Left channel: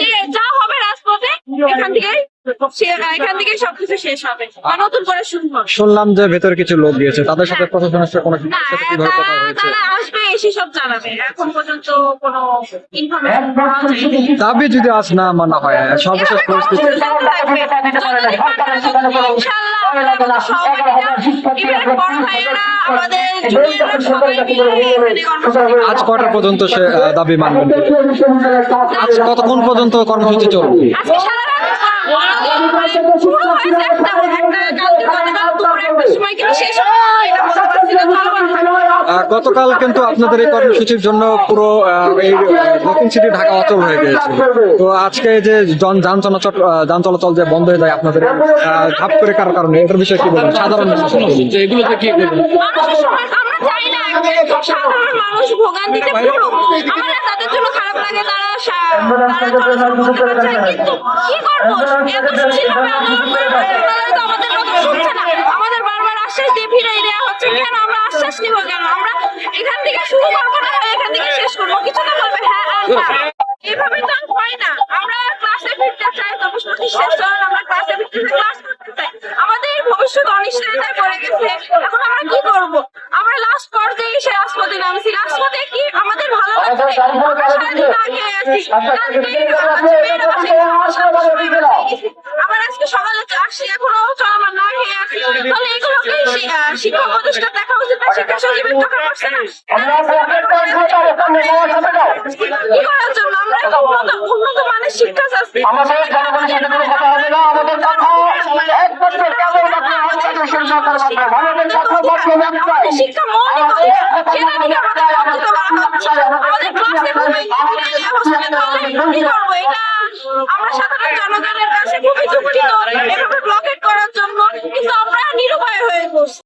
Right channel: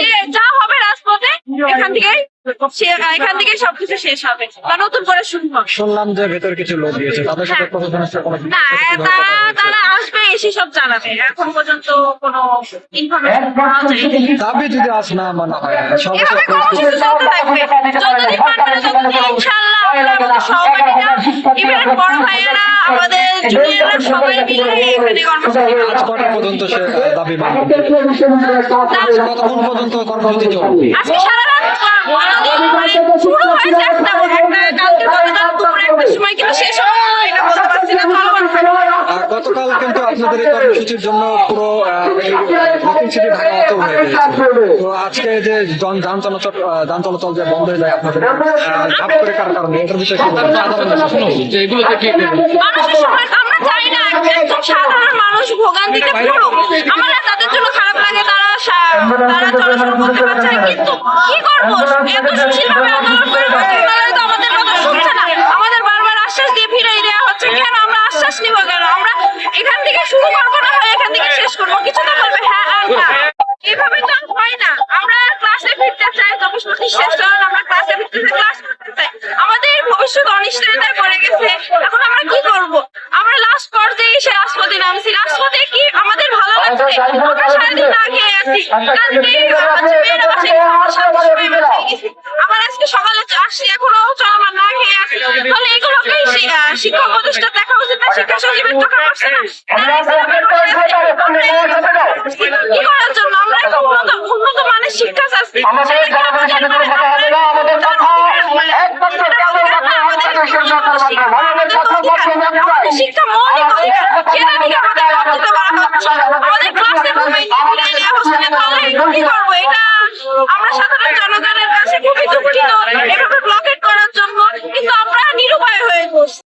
যে যা হবে রাজপথে এখান থেকে এখান থেকে সবকিছু শেষ হবে বা নতুন করে শুরু হবে। শুনলাম যে ভেতরে কিছু লোক দিয়েছে তাদের সাথে প্রশাসনের সাথে কোনো না তারা আসবে এসে সব জানাবে। এখন পর্যন্ত কোনো ইনফরমেশন পাওয়া যায়নি। দাবি যদি আজ না মানা হয় সর্বশেষ এভাবে পরিস্থিতি চলতে থাকবে। যতদিন না ততদিন ইনশাআল্লাহ পর্যন্ত দাবি কতক্ষণ পর্যন্ত কর্মসূচি চলবে? আজকে সারা রাত মানে শুরু হয়েছে একটা একটা কালকে গতকাল দুপুর একটার সময় কিন্তু শেষ হবে এটা বলতে পারছি না চলমান থাকবে আহ, গতকাল কিন্তু আপনাদের এই কর্মসূচির জন্য পুরো দক্ষিণ সিটি ঢাকা অচল হয়ে গিয়েছে তো আজকে যে যান চলাচল যান চলাচল যে বন্ধ হয়ে যায় আপনাদের ধাপ করে কার কারণে এটার বিষয়ে কি বলবেন সাধারণ এগুলোতে কি চাই না একজন সাধারণ মানুষ ভোগান্তিতে পড়ুক। আমরা তাদের জন্য খারাপ লাগে তারা তারা চলাচল করতে পারছে না। কিন্তু কি করব? এত সুশীল ভাবে আন্দোলন করে মন্ত্রণালয় তো আমাদের কথা শুনছে না আমাদের বারবার আশ্বাস দিয়ে ফিরাই দেওয়া হচ্ছে কেন? আমরা আশ্বাস নিব কেন? আমরা এখান থেকে শুরু না হয় এখান থেকে শেষ কিছু তো বলবে হ্যাঁ আর না। এভাবে তো হয় না। আমরা ক্লাসে ফিরতে চাই শেষ আমরা ক্লাসে ফিরতে চাই, ক্লাস করতে চাই। আমাদের ভবিষ্যৎ অনিশ্চয়তায় পড়ে গেছে। এখন আমরা কি করব? আমরা লাস্ট পর্যায়ে এসে রাজপথে নামছি। রাজপথে কি আমাদের ভালো লাগছে? আমরা সারাদিন না খেয়ে আছি। কালকে মেয়েরা বাসায় আমরা সাতটার সময় বাসায় গেছি। আজকে সকালে আসছি, এখনও চলমান না খেয়ে আছি তাহলে এগুলোকেই শি- আহ, শিক্ষা উপদেষ্টা দেখা উচিত না শিক্ষা সচিবের চোখে পড়ছে না। আমরা এই কথা করছি। কি করার জন্য? আমরা একটা উন্নত উন্নত মানের শিক্ষা চাচ্ছি। সেটা আমাদের মানে আমাদের শিক্ষা মৌলিক অধিকার সেটা থেকে আমাদের বঞ্চিত করা হচ্ছে। আমাদের ক্লাসে ঘুমাই নিয়ে ফিরে নেওয়া হচ্ছে না তাহলে কি করব? এটা আমরা সাধারণ জনগণের কাছে খুবই দুঃখিত